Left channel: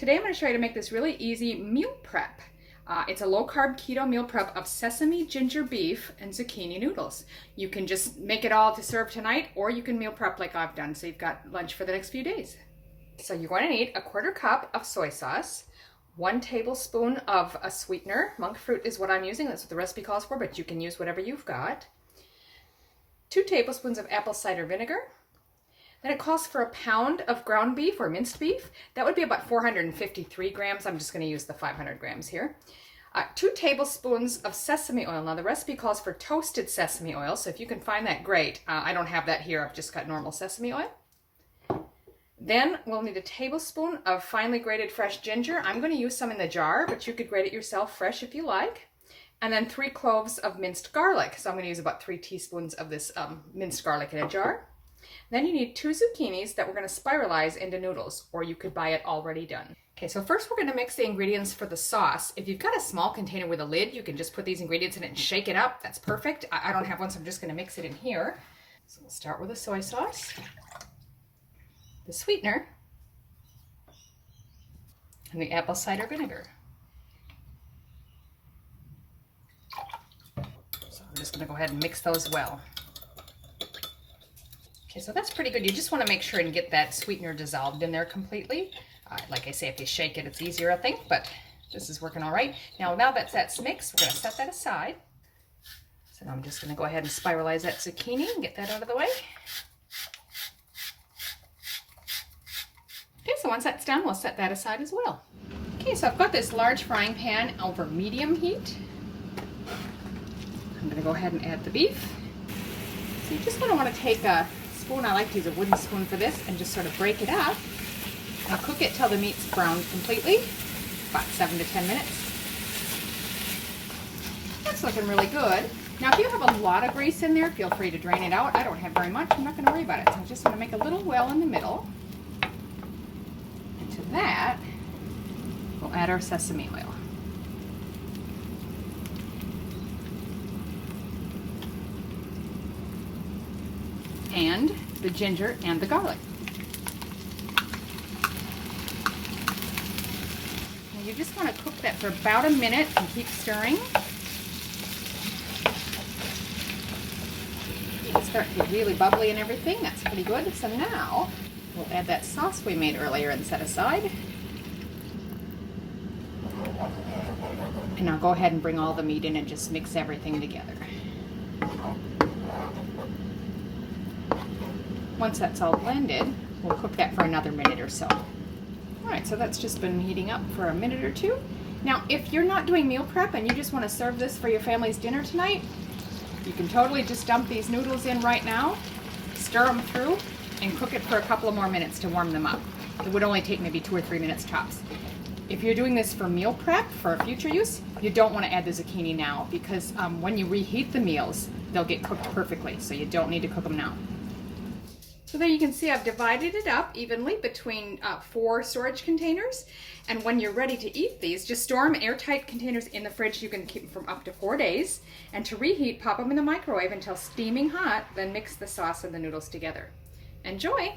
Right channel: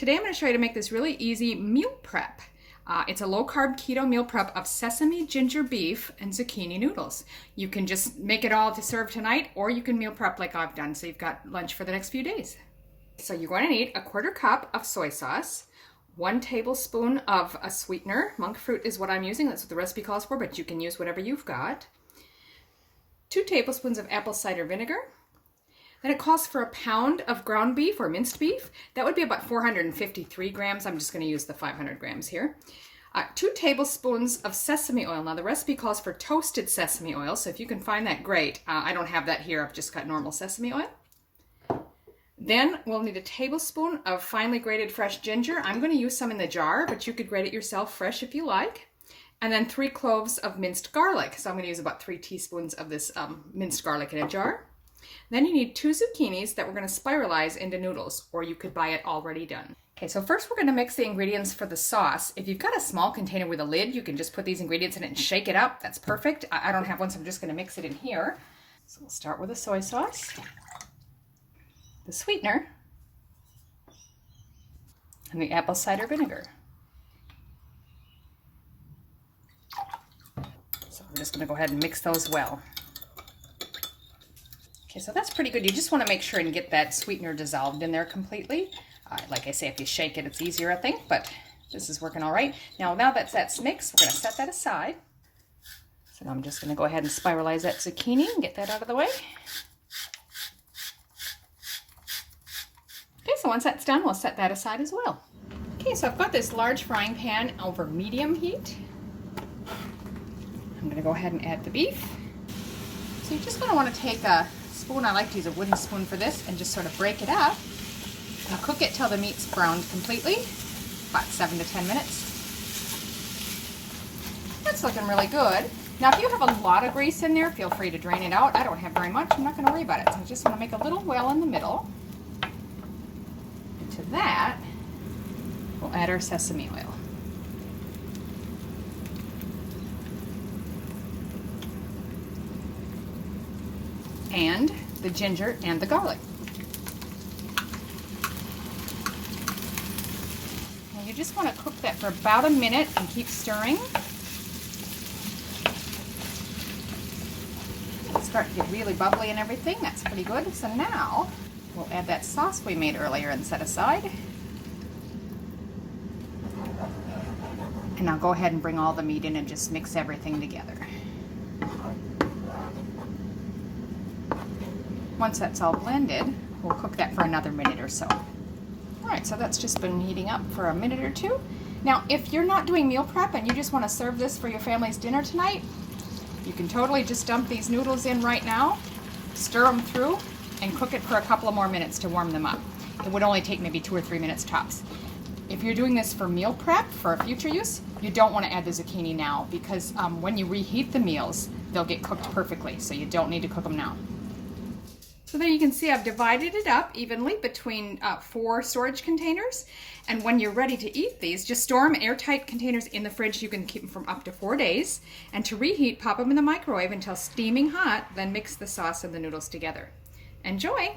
Today I'm going to show you to make this really easy meal prep. It's a low-carb keto meal prep of sesame, ginger beef, and zucchini noodles. You can just make it all to serve tonight, or you can meal prep like I've done, so you've got lunch for the next few days. So you're going to need a 1/4 cup of soy sauce, 1 tablespoon of a sweetener. Monk fruit is what I'm using. That's what the recipe calls for, but you can use whatever you've got. 2 tablespoons of apple cider vinegar. Then it calls for 1 pound of ground beef or minced beef. That would be about 453 grams. I'm just going to use the 500 grams here. 2 tablespoons of sesame oil. Now the recipe calls for toasted sesame oil, so if you can find that, great. I don't have that here. I've just got normal sesame oil. Then we'll need 1 tablespoon of finely grated fresh ginger. I'm going to use some in the jar, but you could grate it yourself fresh if you like. And then 3 cloves of minced garlic. So I'm going to use about 3 teaspoons of this minced garlic in a jar. Then you need 2 zucchinis that we're going to spiralize into noodles, or you could buy it already done. Okay, so first we're going to mix the ingredients for the sauce. If you've got a small container with a lid, you can just put these ingredients in it and shake it up. That's perfect. I don't have one, so I'm just going to mix it in here. So we'll start with the soy sauce, the sweetener, and the apple cider vinegar. So I'm just going to go ahead and mix those well. Okay, so that's pretty good. You just want to make sure and get that sweetener dissolved in there completely. Like I say, if you shake it, it's easier, I think, but this is working all right. Now that's mixed, we're going to set that aside. So now I'm just going to go ahead and spiralize that zucchini and get that out of the way. Okay, so once that's done, we'll set that aside as well. Okay, so I've got this large frying pan over medium heat. I'm going to go ahead and add the beef. So you're just going to want to take a spoon, I like to use a wooden spoon for this, and just sort of break it up and cook it till the meat's browned completely, about 7 to 10 minutes. That's looking really good. Now if you have a lot of grease in there, feel free to drain it out. I don't have very much, I'm not going to worry about it. So I just want to make a little well in the middle. And to that, we'll add our sesame oil. And the ginger and the garlic. Now you just want to cook that for about a minute and keep stirring. It'll start to get really bubbly and everything. That's pretty good. So now we'll add that sauce we made earlier and set aside. And I'll go ahead and bring all the meat in and just mix everything together. Once that's all blended, we'll cook that for another minute or so. All right, so that's just been heating up for a minute or two. Now, if you're not doing meal prep and you just want to serve this for your family's dinner tonight, you can totally just dump these noodles in right now, stir them through, and cook it for a couple of more minutes to warm them up. It would only take maybe 2 or 3 minutes tops. If you're doing this for meal prep, for future use, you don't want to add the zucchini now because when you reheat the meals, they'll get cooked perfectly, so you don't need to cook them now. So there you can see I've divided it up evenly between 4 storage containers. And when you're ready to eat these, just store them in airtight containers in the fridge. You can keep them for up to 4 days. And to reheat, pop them in the microwave until steaming hot, then mix the sauce and the noodles together. Enjoy!